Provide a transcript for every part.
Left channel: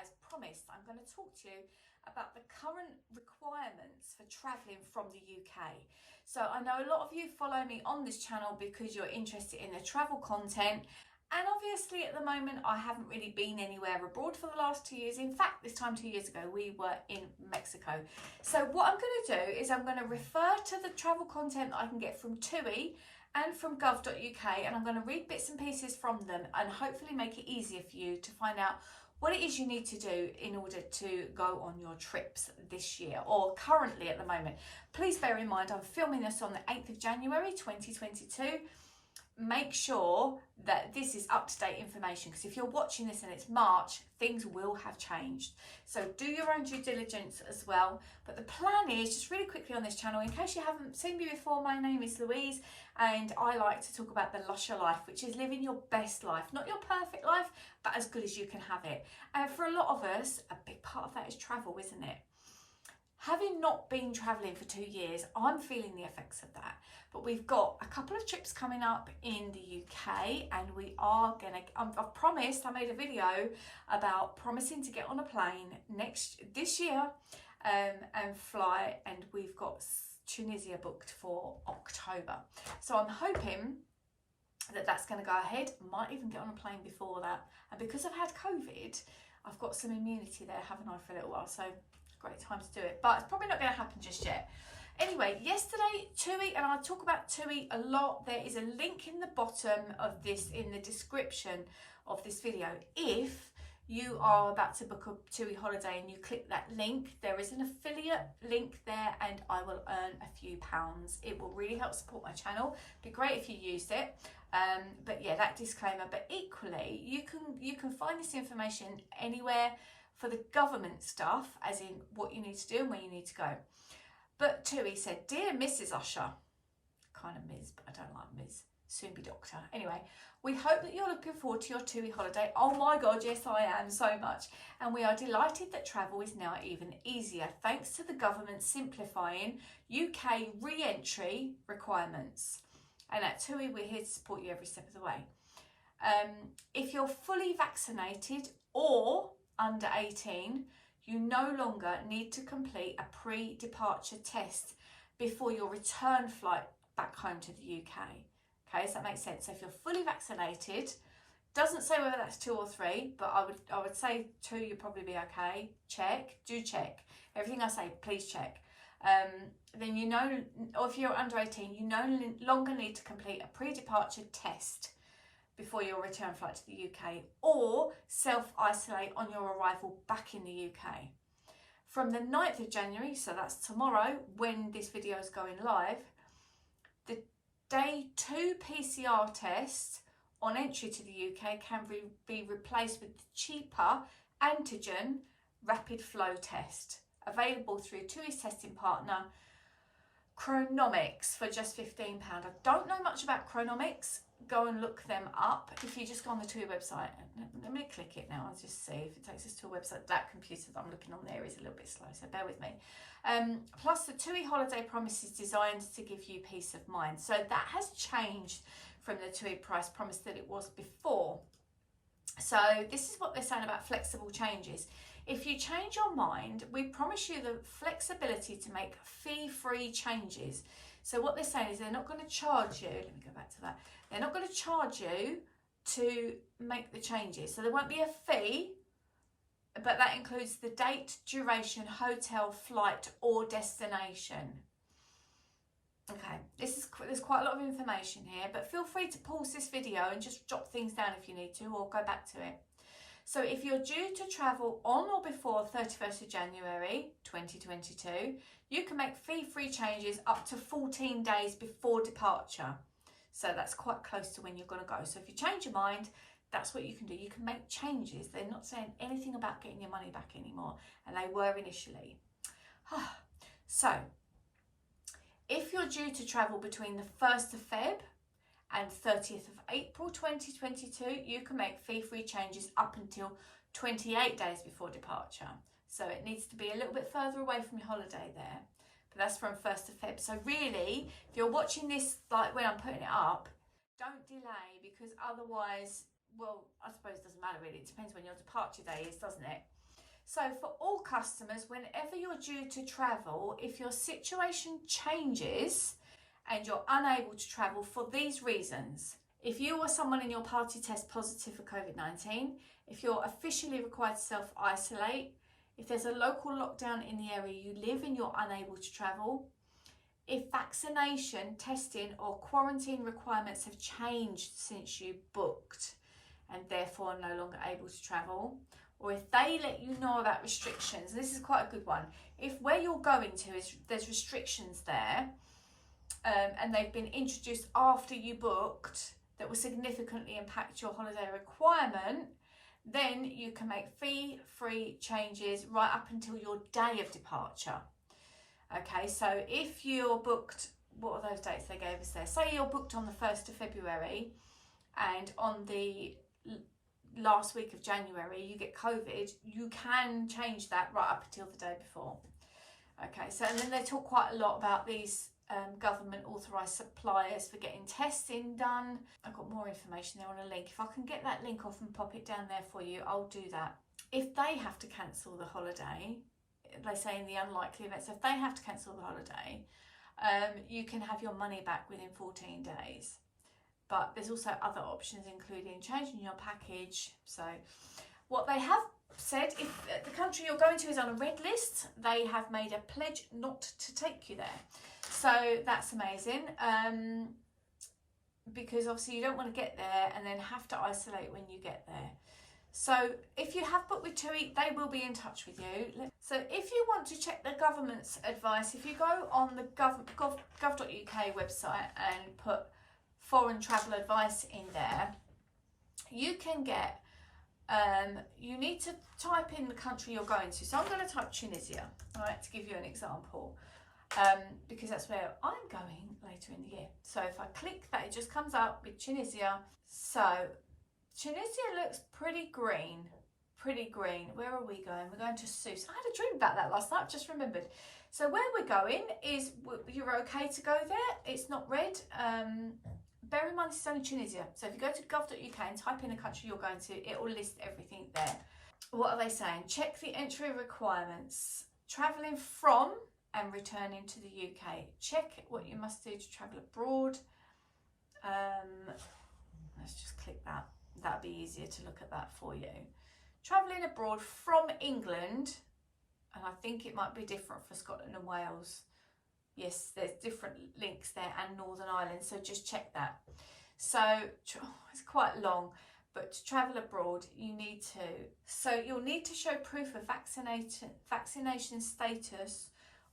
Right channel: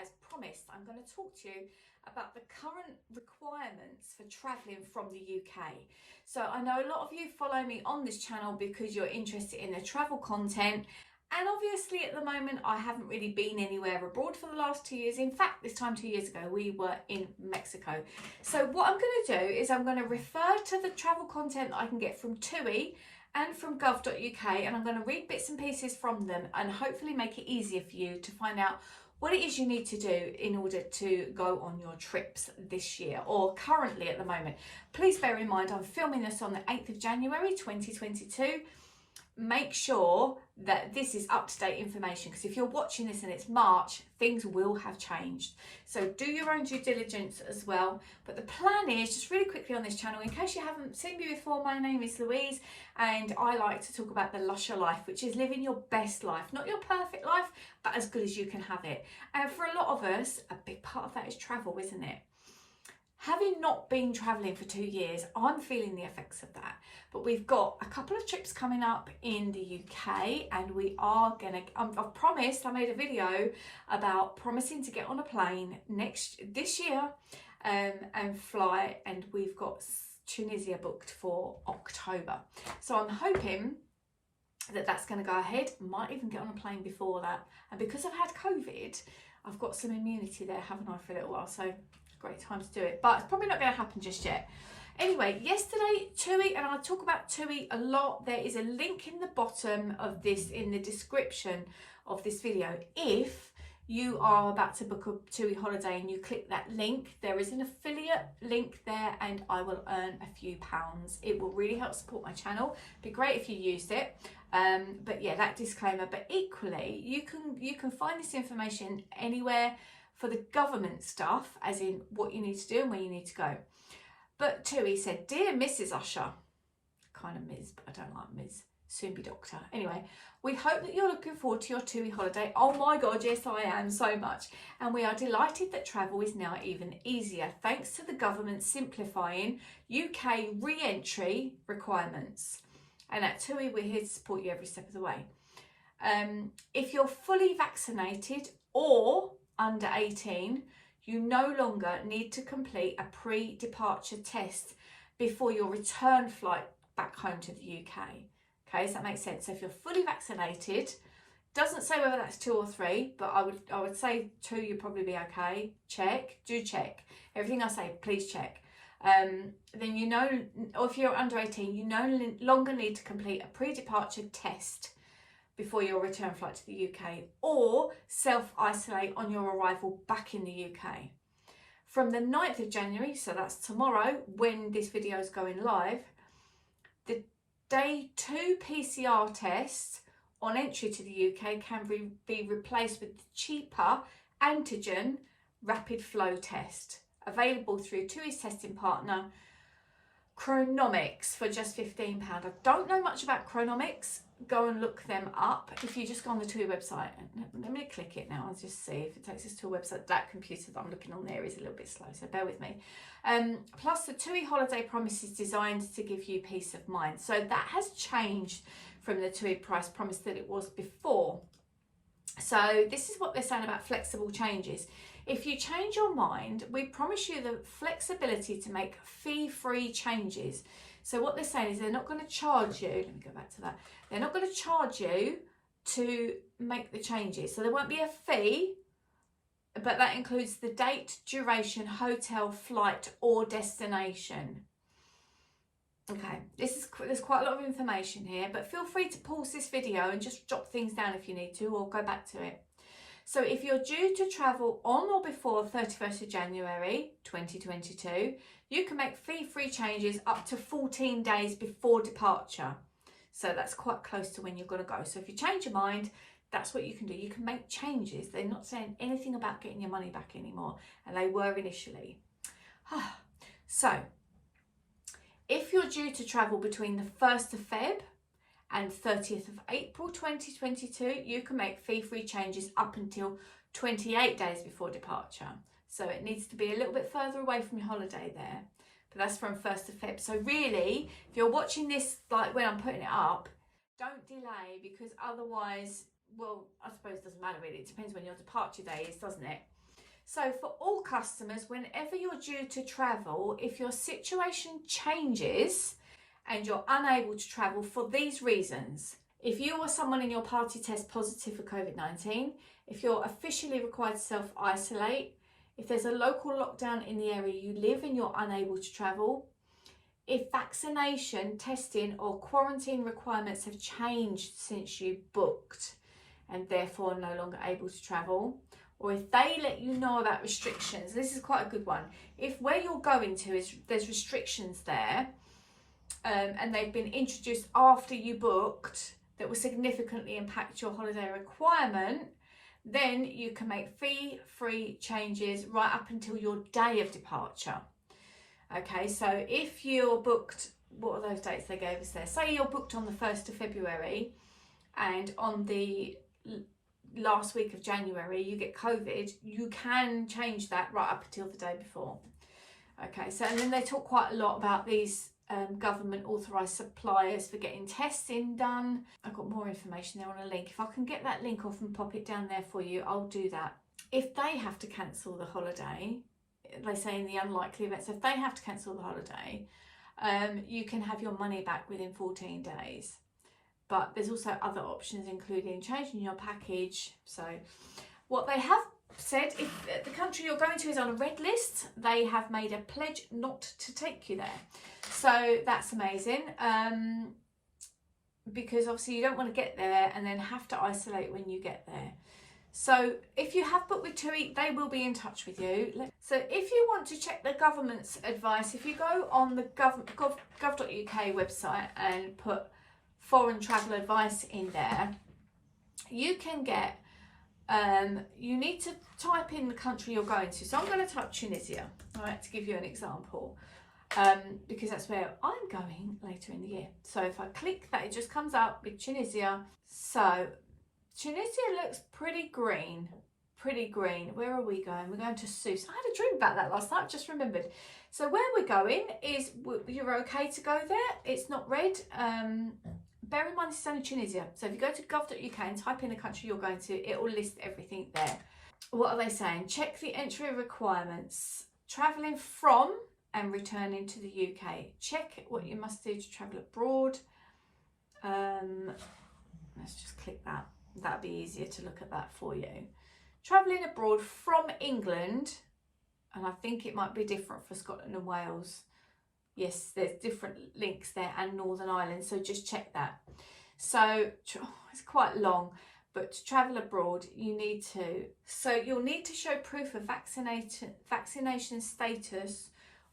as promised, I'm going to talk to you about the current requirements for travelling from the UK. So I know a lot of you follow me on this channel because you're interested in the travel content, and obviously at the moment I haven't really been anywhere abroad for the last 2 years. In fact, this time 2 years ago we were in Mexico. So what I'm going to do is I'm going to refer to the travel content that I can get from TUI and from gov.uk, and I'm going to read bits and pieces from them and hopefully make it easier for you to find out what it is you need to do in order to go on your trips this year or currently at the moment. Please bear in mind I'm filming this on the 8th of January 2022. Make sure that this is up-to-date information, because if you're watching this and it's March, things will have changed. So do your own due diligence as well. But the plan is, just really quickly on this channel, in case you haven't seen me before, my name is Louise and I like to talk about the lusher life, which is living your best life, not your perfect life, but as good as you can have it. And for a lot of us, a big part of that is travel, isn't it? Having not been travelling for 2 years, I'm feeling the effects of that. But we've got a couple of trips coming up in the UK, and we are gonna, I've promised, I made a video about promising to get on a plane this year and fly, and we've got Tunisia booked for October. So I'm hoping that that's going to go ahead. Might even get on a plane before that. And because I've had COVID, I've got some immunity there, haven't I, for a little while. So great time to do it. But it's probably not going to happen just yet. Anyway, yesterday, TUI, and I talk about TUI a lot. There is a link in the bottom of this, in the description of this video. If you are about to book a TUI holiday and you click that link, there is an affiliate link there and I will earn a few pounds. It will really help support my channel. Be great if you used it. But yeah, that disclaimer. But equally, you can find this information anywhere for the government stuff, as in what you need to do and where you need to go. But TUI said, "Dear Mrs. Usher," kind of Ms, but I don't like Ms, soon be doctor. Anyway, we hope that you're looking forward to your TUI holiday. Oh my God, yes I am, so much. And we are delighted that travel is now even easier thanks to the government simplifying UK re-entry requirements. And at TUI, we're here to support you every step of the way. If you're fully vaccinated or under 18, you no longer need to complete a pre-departure test before your return flight back home to the UK. Okay, does that make sense? So if you're fully vaccinated, doesn't say whether that's 2 or 3, but I would say 2, you'd probably be okay. Check, do check. Everything I say, please check. Then you know, or if you're under 18, you no longer need to complete a pre-departure test before your return flight to the UK, or self-isolate on your arrival back in the UK. From the 9th of January, so that's tomorrow when this video is going live, the day 2 PCR tests on entry to the UK can be replaced with the cheaper antigen rapid flow test, available through TUI's testing partner Chronomics for just £15. I don't know much about Chronomics. Go and look them up. If you just go on the TUI website, let me click it now and just see if it takes us to a website. That computer that I'm looking on there is a little bit slow, so bear with me. Plus, the TUI holiday promise is designed to give you peace of mind. So that has changed from the TUI price promise that it was before. So this is what they're saying about flexible changes. If you change your mind, we promise you the flexibility to make fee-free changes. So what they're saying is they're not going to charge you. Let me go back to that. They're not going to charge you to make the changes. So there won't be a fee, but that includes the date, duration, hotel, flight, or destination. Okay, there's quite a lot of information here, but feel free to pause this video and just jot things down if you need to, or go back to it. So if you're due to travel on or before 31st of January 2022, you can make fee-free changes up to 14 days before departure. So that's quite close to when you're going to go. So if you change your mind, that's what you can do. You can make changes. They're not saying anything about getting your money back anymore, and they were initially. So if you're due to travel between the 1st of Feb and 30th of April 2022, you can make fee-free changes up until 28 days before departure. So it needs to be a little bit further away from your holiday there. But that's from 1st of Feb. So really, if you're watching this like when I'm putting it up, don't delay, because otherwise, well, I suppose it doesn't matter really. It depends when your departure day is, doesn't it? So for all customers, whenever you're due to travel, if your situation changes and you're unable to travel for these reasons, if you or someone in your party tests positive for COVID-19, if you're officially required to self-isolate, if there's a local lockdown in the area you live and you're unable to travel, if vaccination, testing or quarantine requirements have changed since you booked and therefore no longer able to travel, or if they let you know about restrictions. This is quite a good one. If where you're going to is there's restrictions there and they've been introduced after you booked that will significantly impact your holiday requirement, then you can make fee-free changes right up until your day of departure. Okay, so if you're booked, what are those dates they gave us there? Say you're booked on the 1st of February and on the last week of January you get COVID, you can change that right up until the day before. Okay, so and then they talk quite a lot about these government authorised suppliers for getting testing done. I've got more information there on a link. If I can get that link off and pop it down there for you, I'll do that. If they have to cancel the holiday, they say in the unlikely event, so if they have to cancel the holiday, you can have your money back within 14 days. But there's also other options, including changing your package. So what they have said, if the country you're going to is on a red list, they have made a pledge not to take you there. So that's amazing, because obviously you don't want to get there and then have to isolate when you get there. So if you have booked with TUI, they will be in touch with you. So if you want to check the government's advice, if you go on the gov.uk website and put foreign travel advice in there, you can get, you need to type in the country you're going to. So I'm going to type Tunisia, right, to give you an example, because that's where I'm going later in the year. So if I click that, it just comes up with Tunisia. So Tunisia looks pretty green, Where are we going? We're going to Sousse. I had a dream about that last night, I've just remembered. So where we're going is, you're okay to go there. It's not red. Bear in mind, this is only Tunisia. So if you go to gov.uk and type in the country you're going to, it will list everything there. What are they saying? Check the entry requirements. Travelling from and returning to the UK. Check what you must do to travel abroad. Let's just click that. That'll be easier to look at that for you. Travelling abroad from England, and I think it might be different for Scotland and Wales. Yes, there's different links there, and Northern Ireland, so just check that. So it's quite long, but to travel abroad you need to, so you'll need to show proof of vaccination status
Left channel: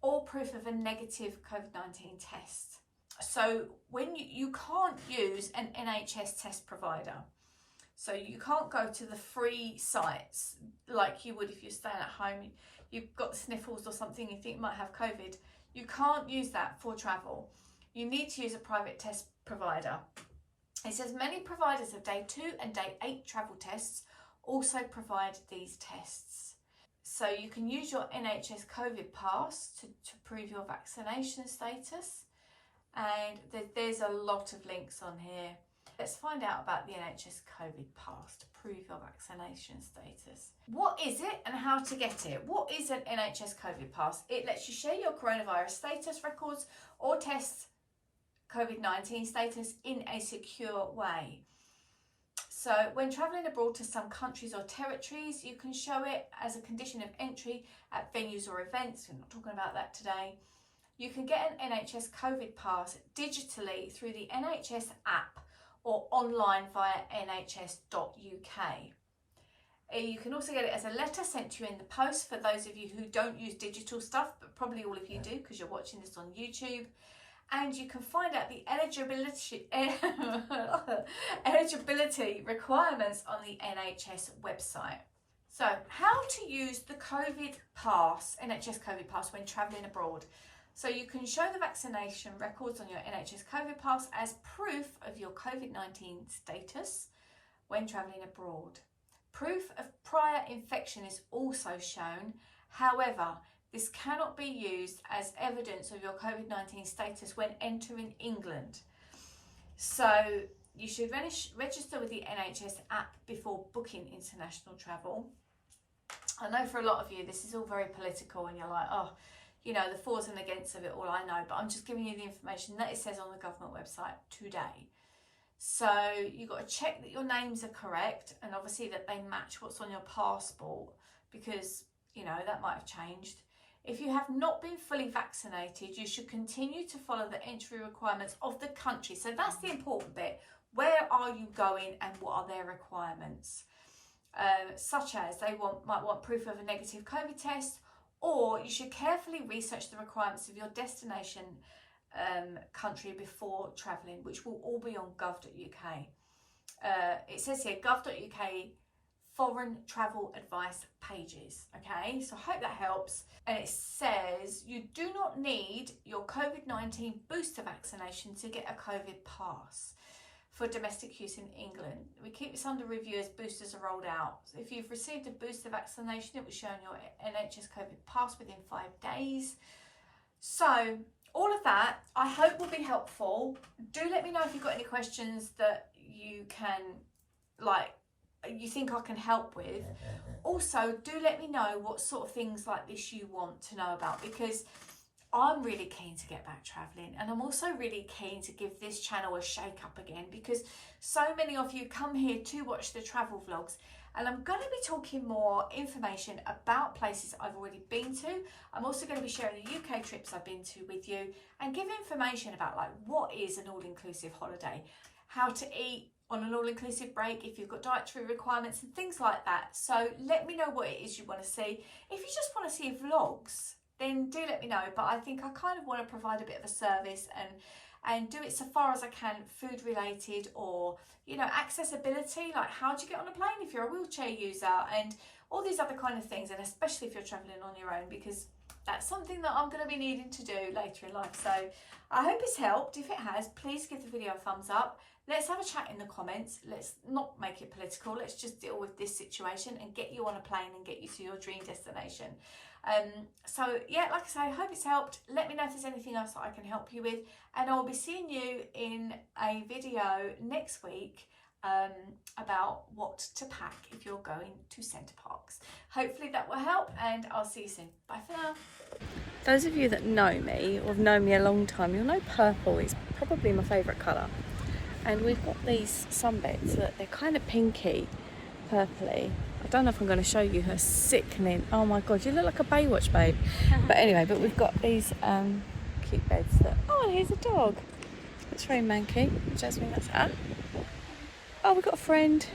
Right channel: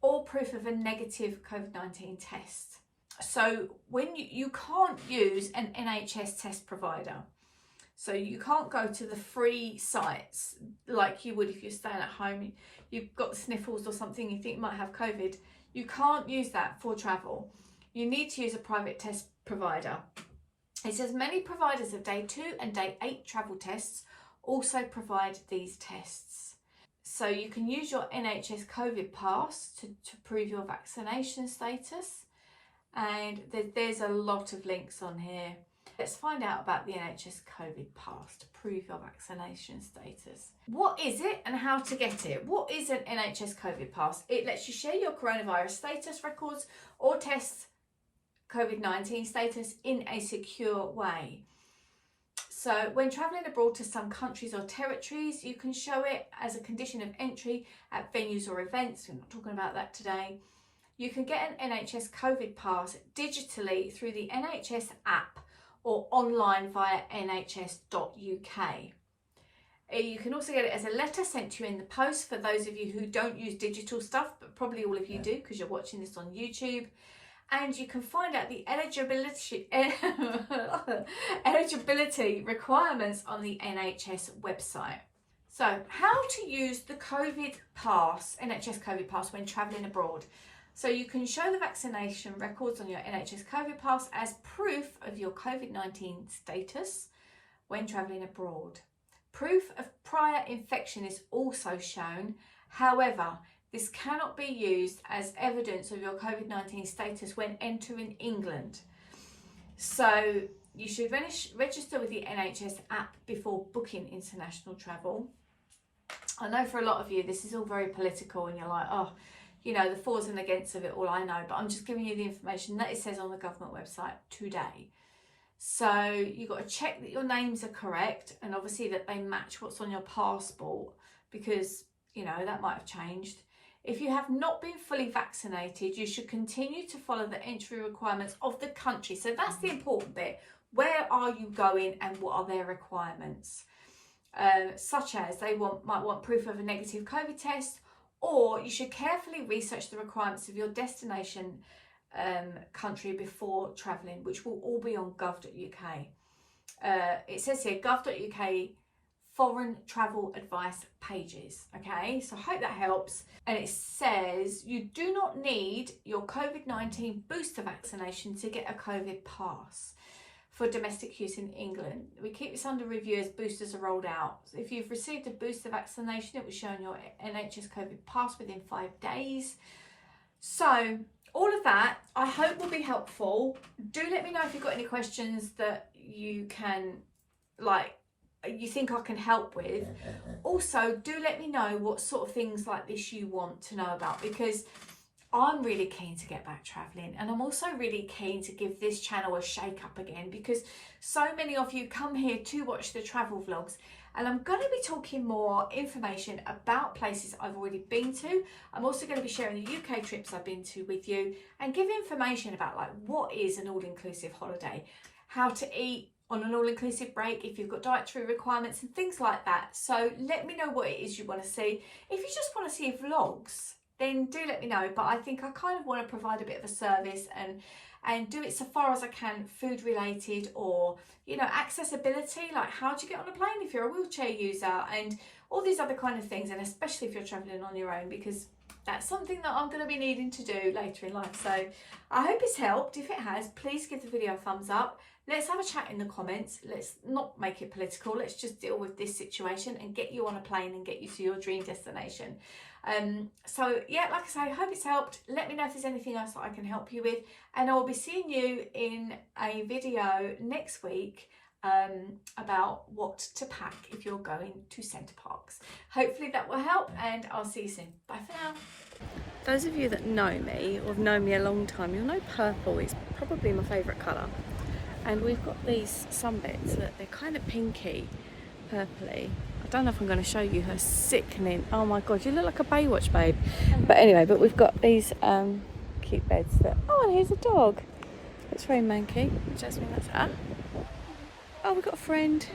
or proof of a negative COVID-19 test. So when you can't use an NHS test provider, so you can't go to the free sites like you would if you're staying at home, you've got the sniffles or something, you think you might have COVID. You can't use that for travel. You need to use a private test provider. It says many providers of day 2 and day 8 travel tests also provide these tests. So you can use your NHS COVID Pass to prove your vaccination status. And there's a lot of links on here. Let's find out about the NHS COVID Pass to prove your vaccination status. What is it and how to get it? What is an NHS COVID Pass? It lets you share your coronavirus status records or test COVID-19 status in a secure way. So when travelling abroad to some countries or territories, you can show it as a condition of entry at venues or events. We're not talking about that today. You can get an NHS COVID Pass digitally through the NHS app or online via nhs.uk. You can also get it as a letter sent to you in the post for those of you who don't use digital stuff, but probably all of you do because you're watching this on YouTube. And you can find out the eligibility requirements on the NHS website. So how to use the COVID Pass, NHS COVID Pass, when travelling abroad. So you can show the vaccination records on your NHS COVID Pass as proof of your COVID-19 status when travelling abroad. Proof of prior infection is also shown. However, this cannot be used as evidence of your COVID-19 status when entering England. So you should register with the NHS app before booking international travel. I know for a lot of you this is all very political and you're like, oh, you know, the fors and against of it all, I know, but I'm just giving you the information that it says on the government website today. So you've got to check that your names are correct and obviously that they match what's on your passport, because, you know, that might have changed. If you have not been fully vaccinated, you should continue to follow the entry requirements of the country. So that's the important bit. Where are you going and what are their requirements? Such as might want proof of a negative COVID test, or you should carefully research the requirements of your destination country before travelling, which will all be on gov.uk. It says here gov.uk foreign travel advice pages. Okay, so I hope that helps. And it says you do not need your COVID-19 booster vaccination to get a COVID pass for domestic use in England. We keep this under review as boosters are rolled out. If you've received a booster vaccination, it will show on your NHS COVID Pass within 5 days. So all of that, I hope will be helpful. Do let me know if you've got any questions that you think I can help with. Also, do let me know what sort of things like this you want to know about, because I'm really keen to get back travelling, and I'm also really keen to give this channel a shake up again, because so many of you come here to watch the travel vlogs, and I'm going to be talking more information about places I've already been to. I'm also going to be sharing the UK trips I've been to with you, and give information about like what is an all-inclusive holiday, how to eat on an all-inclusive break, if you've got dietary requirements and things like that. So let me know what it is you want to see. If you just want to see vlogs, then do let me know. But I think I kind of want to provide a bit of a service and do it so far as I can, food related, or, you know, accessibility, like how do you get on a plane if you're a wheelchair user, and all these other kind of things, and especially if you're traveling on your own, because that's something that I'm going to be needing to do later in life. So I hope it's helped. If it has, please give the video a thumbs up. Let's have a chat in the comments. Let's not make it political. Let's just deal with this situation and get you on a plane and get you to your dream destination. So yeah, like I say, I hope it's helped. Let me know if there's anything else that I can help you with, and I'll be seeing you in a video next week about what to pack if you're going to Centre Parks. Hopefully that will help, and I'll see you soon. Bye for now. Those of you that know me or have known me a long time, you'll know purple is probably my favourite colour. And we've got these sunbeds that they're kind of pinky, purpley. I don't know if I'm going to show you her sickening. Oh my god, you look like a Baywatch babe. But anyway, but we've got these cute beds that. Oh, and here's a dog. It's very manky. Jasmine, that's her. Oh, we've got a friend.